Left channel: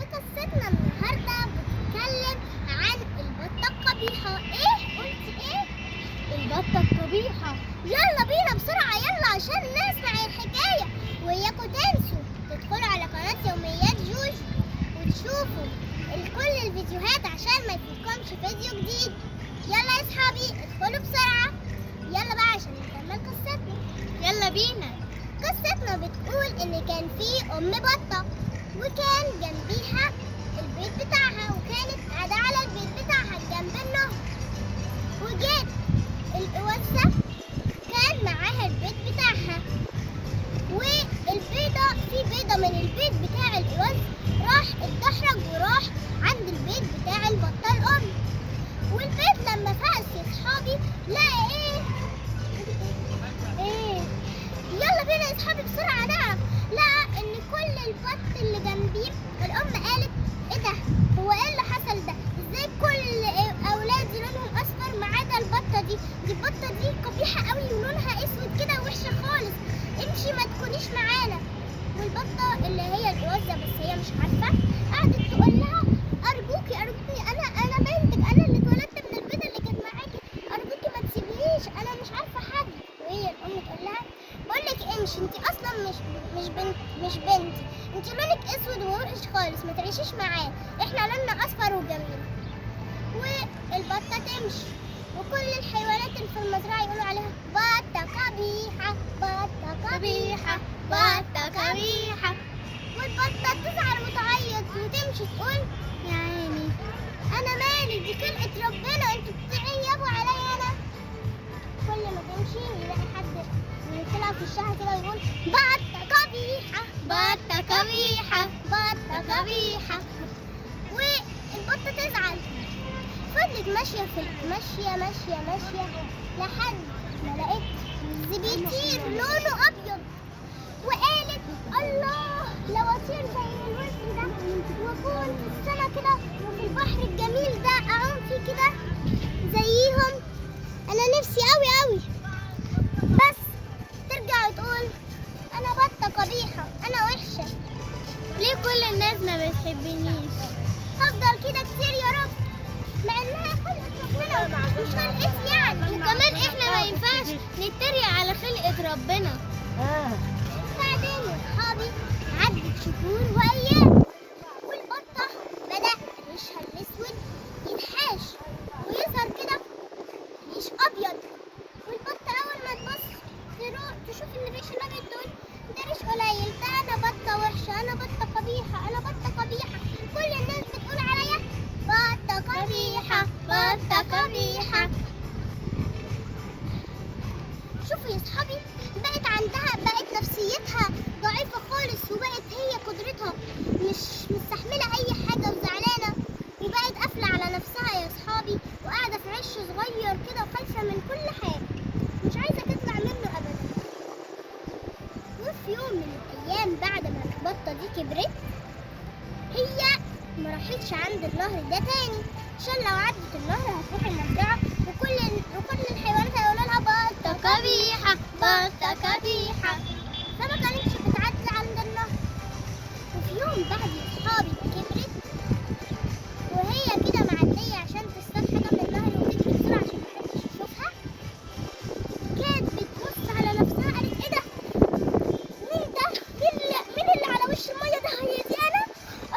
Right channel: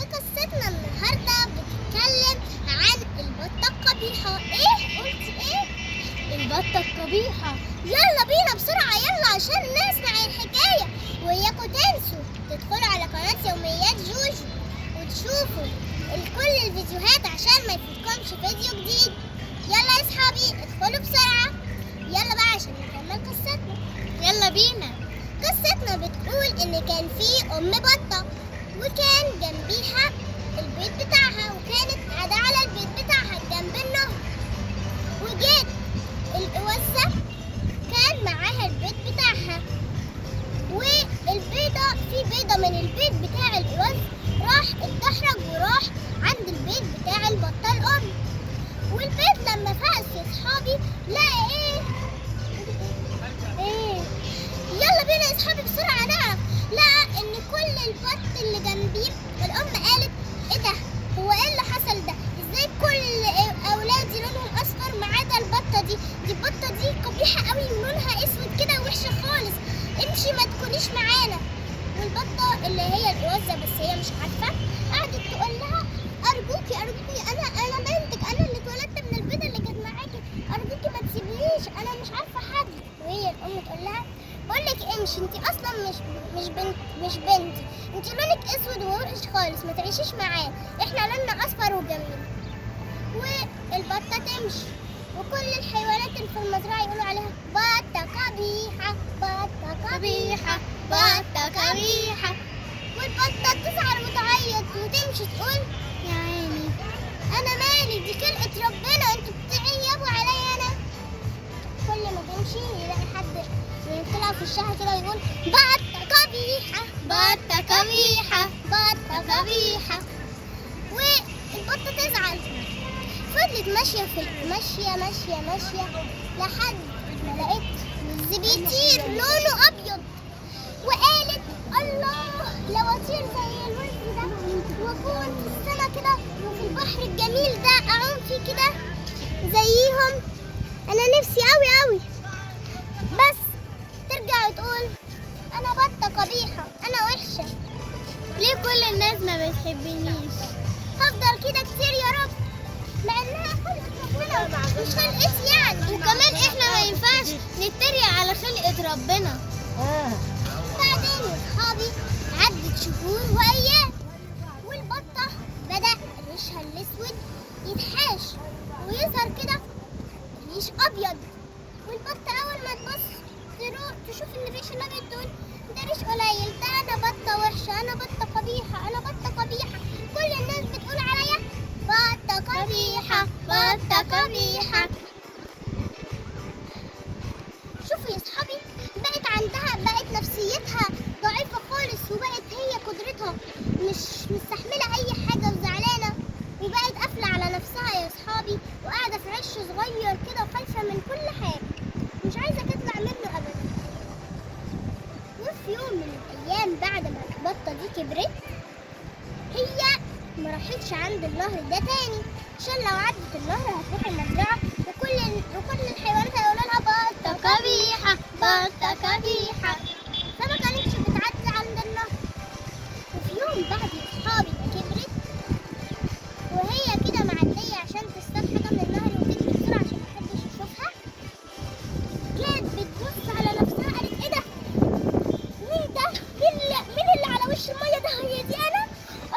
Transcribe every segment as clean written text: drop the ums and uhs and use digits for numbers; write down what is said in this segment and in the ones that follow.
وقصتنا النهارده بتتكلم عن البطة القبيحة. ايه قلت ايه؟ البطة القبيحة. يلا بينا بسرعة، يلا عشان نسمع الحكاية. وإياكوا تنسوا تدخلوا على قناة يوميات جوجو وتشوفوا كل الفيديوهات عشان ما يفوتكمش فيديو جديد. يلا يا اصحابي ادخلوا بسرعة، يلا بقى عشان نكمل قصتنا. يلا بينا. قصتنا بتقول ان كان في ام بطة وكان جنبيها البيت بتاعها، وكانت قاعدة على البيت بتاعها جنب النهر. وجت القوسة كان معاها البيت بتاعها، والبيضة في بيضة من البيت بتاع القوس راح اتدحرج وراح عند البيت بتاع البطة الأم. والبيت لما فقس يا صحابي لقى ايه يلا بينا يا صحابي بسرعة نعرف. لقى ان كل البط اللي جنبيه الأم قالت ايه ده، هو ايه اللي حصل ده؟ ازاي كل اولادي لونهم اصفر ما عدا البطة دي البطة دي قبيحة قوي ولونها اسود كده وحشة خالص، امشي ما تكونيش معانا. والبطة اللي هي القوزة بس هي مش عارفة قعدت تقول لها ارجوكي انا بنتك، انا اللي اتولدت من البيضة اللي كانت معاكي، ارجوكي ما تسيبنيش، انا مش عارفة حد. وهي الام تقول لها بقول لك امشي، انت اصلا مش بنتي، انت لونك اسود ووحش خالص، ما تعيشيش معاه، احنا لوننا اصفر وجميل. والبطة تمشي، وكل الحيوانات اللي في المزرعة يقولوا عليها بطة قبيحة بطة قبيحة بطة قبيحة. والبطة تزعل وتعيط وتمشي تقول يا عيني انا مالي، دي خلقة ربنا، انتوا بتعيبوا عليا انا. كل ما تمشي يلاقي حد طلع في الشارع كده يقول بطة قبيحة بطة قبيحة بطة قبيحة. والبطة تزعل، فضلت ماشية ماشية لحد ما لقيت وز بيطير لونه أبيض، وقالت الله لو أطير زي الوز ده وأكون في السما كده وفي البحر الجميل ده أعوم فيه كده زيهم، أنا نفسي أوي. بس ترجع وتقول أنا بطة قبيحة، أنا وحشة، ليه كل الناس ما بتحبنيش؟ هفضل كده كتير يا رب، مع انها خلقة ربنا مش خلقتي يعني، وكمان احنا ما ينفعش نتريق على خلقة ربنا. بعدين يا اصحابي عدت شهور وايام، والبطة بدأ ريشها الاسود يتحاش ويظهر كده ريش ابيض. والبطة اول ما تبص تشوف ان الريش الابيض تقول ده ريش قليل، ده انا بطة وحشة، انا بطة قبيحة، انا بطة قبيحة، كل الناس بتقول عليا بطة قبيحة بطة قبيحة. شوفوا يا صحابي بقت نفسيتها ضعيفة خالص، وبقت هي قدرتها مش مستحملة أي حاجة وزعلانة، وبقت قافلة على نفسها يا صحابي، وقاعدة في عش صغير كده وخايفة من كل حاجة، مش عايزة تطلع منه أبدا. وفي يوم من الأيام بعد ما البطة دي كبرت، هي ما راحتش عند النهر ده تاني، عشان لو عدت النهر هتروح المزرعة وكل الحيوانات هيقولوا لها بطة قبيحة بطة قبيحة، فما كانتش بتعدي عند النهر. وفي يوم بعد أصحابي ما كبرت وهي كده معدية عشان تصطاد حاجة من النهر وتجري بسرعة عشان محدش يشوفها، كانت بتبص على نفسها قالت ايه ده؟ مين ده؟ مين اللي على وش المية ده؟ هي دي أنا؟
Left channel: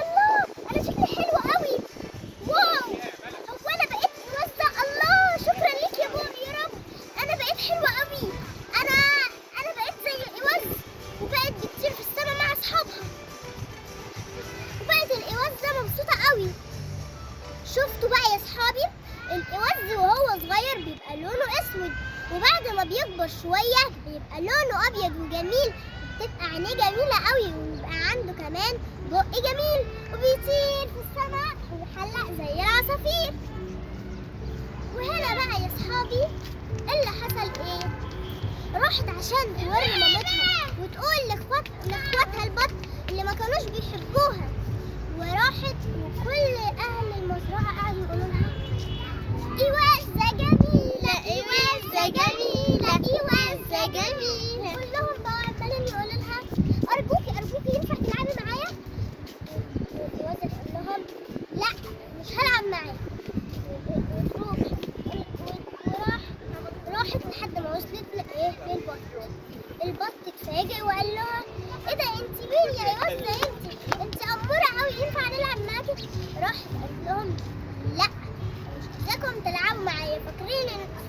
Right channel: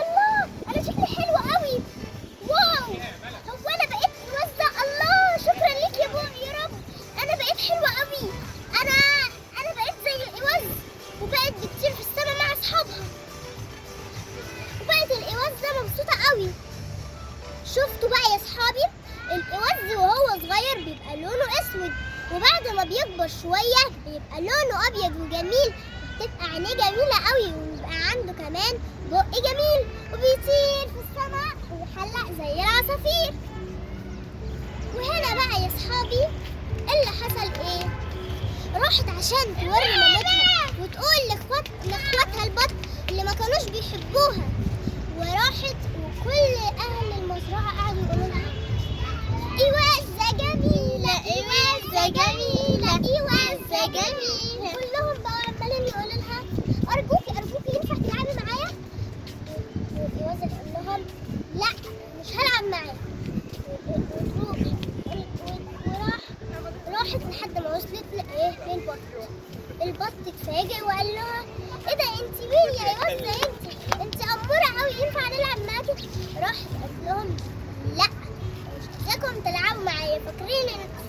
الله أنا شكلي حلوة قوي، واو هو أنا بقيت موزة، الله شكرا ليك يا رب، أنا بقيت حلوة قوي، أنا بقيت زي القوز، وبقيت بتطير في السما مع أصحابها، وبقت القوز ده مبسوطة قوي. شفتوا بقى يا صحابي القوز وهو صغير بيبقى لونه أسود، وبعد ما بيكبر شوية بيبقى لونه أبيض وجميل، وبتبقى عينيه جميلة قوي، ويبقى عنده كمان بق جميل، وبيطير في السماء ويحلق زي العصافير. وهنا بقى يا صحابي اللي حصل ايه؟ راحت عشان توري مامتها وتقول لاخواتها البط اللي ما كانوش بيحبوها، وراحت وكل اهل المزرعة قعدوا يقولوا لها إيوازة جميلة إيوازة جميلة إيوازة جميلة، كلهم بقى عمالين يقولوا لها أرجوكي ينفع تلعبي معايا؟ الوزة تقول لهم لا مش هلعب معاك، وتروح راحت لحد ما وصلت للبط. البط اتفاجئ وقال لها ايه ده انت مين يا وزة؟ انت امورة قوي، ينفع نلعب معاكي؟ راحت قالت لهم لا مش عايزاكم تلعبوا معايا.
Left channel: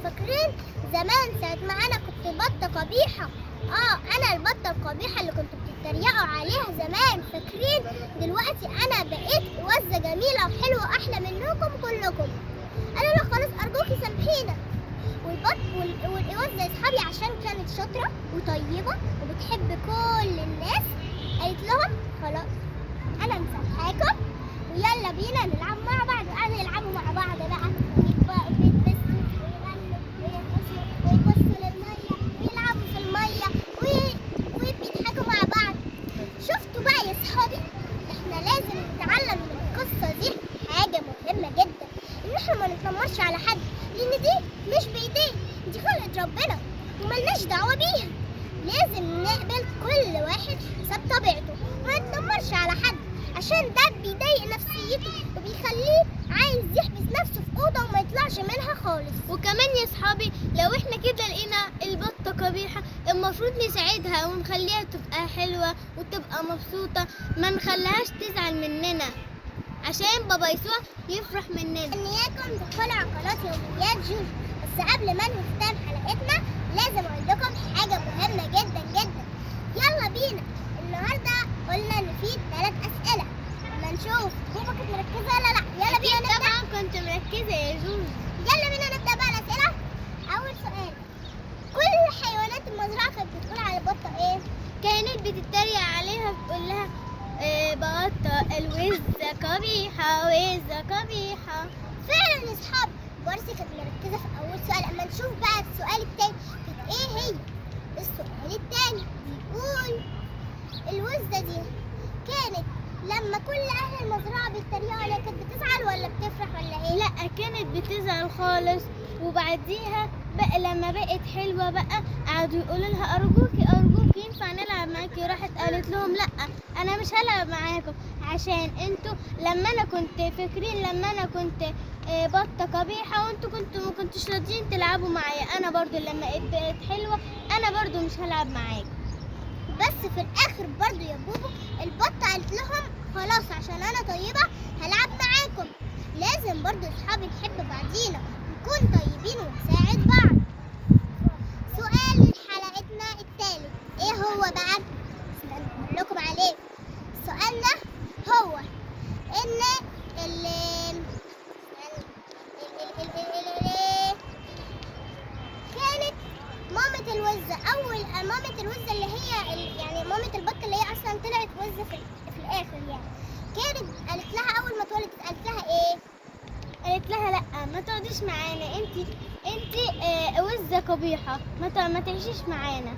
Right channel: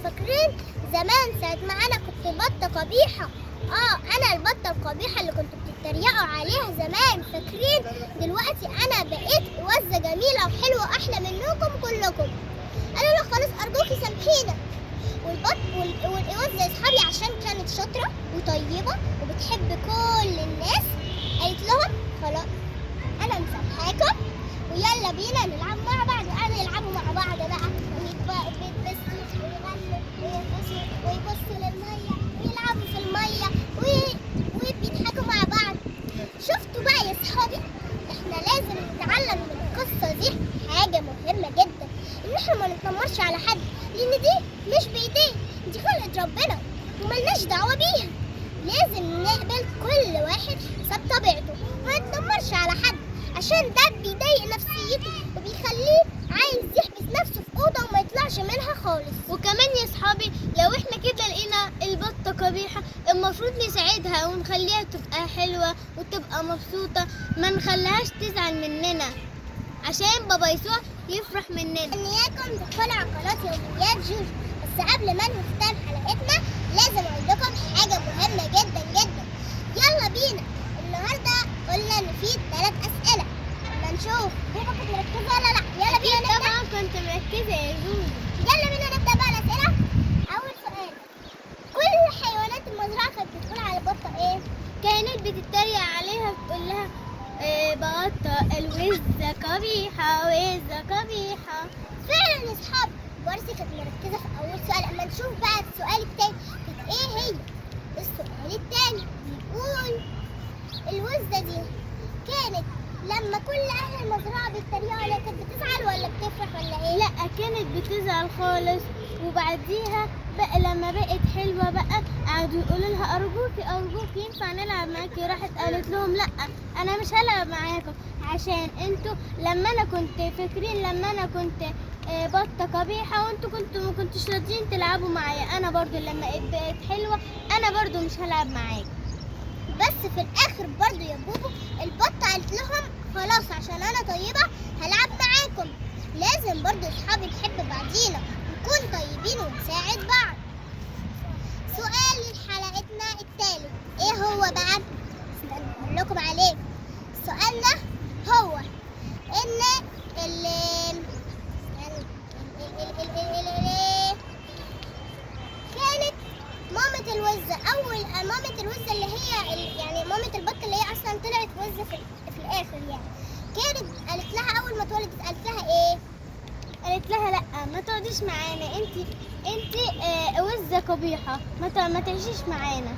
فاكرين زمان ساعة ما انا كنت بطة قبيحة؟ انا البطة القبيحة اللي كنتوا بتتريقوا عليها زمان، فاكرين؟ دلوقتي انا بقيت وزة جميلة وحلوة احلى منكم كلكم. قالوا له خلاص ارجوكي سامحينا. والوزة اصحابي عشان كانت شاطرة وطيبة وبتحب كل الناس قالت لهم خلاص انا مسامحاكم ويلا بينا نلعب مع بعض. وقعدوا يلعبوا مع بعض بقى، بيتبسوا ويغنوا ويرقصوا ويبصوا للمية ويلعبوا في المية وبيضحكوا مع بعض. شفتوا بقى يا صحابي، احنا لازم نتعلم من القصة دي حاجة مهمة جدا، ان احنا ما نتنمرش على حد، لان دي مش بايديه، دي خلقة ربنا وملناش دعوة بيها. لازم نقبل كل واحد حسب طبيعته، ما نتنمرش على حد، عشان ده بيضايق نفسيته وبيخليه عايز يحبس نفسه في أوضة وما يطلعش منها خالص. وكمان يا صحابي لو احنا كده لقينا البطة قبيحة المفروض نساعدها ونخليها تبقى حلوة وتبقى مبسوطة، ما نخليهاش تزعل مننا عشان بابا يسوع يفرح مننا. إياكم تدخلوا على قناة يوميات جوجو، بس قبل ما نختم حلقتنا لازم أقول لكم حاجة مهمة جدا جدا. يلا بينا، النهارده قلنا إن في 3 أسئلة، أما نشوف بابا كانت مركزة ولا لأ. يلا بينا نبدأ. طبعا كنت مركزة يا زوزو. يلا بينا نبدأ بقى الأسئلة. أول سؤال، كل حيوانات المزرعة كانت بتقول على البطة إيه؟ كانت بتتريق عليها تقول لها بطة الوزة قبيحة وزة قبيحة. فعلا يا صحابي، بارسي كانت مركزة في أول سؤال. أما نشوف بقى السؤال التاني كانت إيه هي؟ السؤال التاني بيقول الوزة دي كانت لما كل أهل المزرعة بيتريقوا عليها كانت بتزعل ولا بتفرح ولا إيه؟ لا كانت بتزعل خالص، وبعديها بقى لما بقت حلوة بقى قعدوا يقولوا لها أرجوكي ينفع نلعب معاكي؟ راحت قالت لهم لا أنا مش هلعب معاكم، عشان انتوا لما أنا كنت فاكرين لما أنا كنت بطة قبيحة وانتوا ما كنتوش راضيين تلعبوا معايا، أنا برضو لما بقيت حلوة أنا برضو مش هلعب معاكم. بس في الآخر برضو يا بوبو البطة قالت لهم خلاص عشان أنا طيبة هلعب معاكم. لازم برضو أصحابي نحب بعضينا نكون طيبين ونساعد بعض. سؤال حلقتنا الثالث ايه هو بقى؟ استنى اقول لكم عليه. سؤالنا هو ان كانت مامة الوزة مامة الوزة اللي هي يعني مامة البط اللي هي اصلا طلعت وزة في الاخر يعني، كانت قالت لها اول ما اتولدت قالت لها ايه؟ قالت لها لا ما تقعديش معانا، انت وزة قبيحة، ما تعيشيش معانا.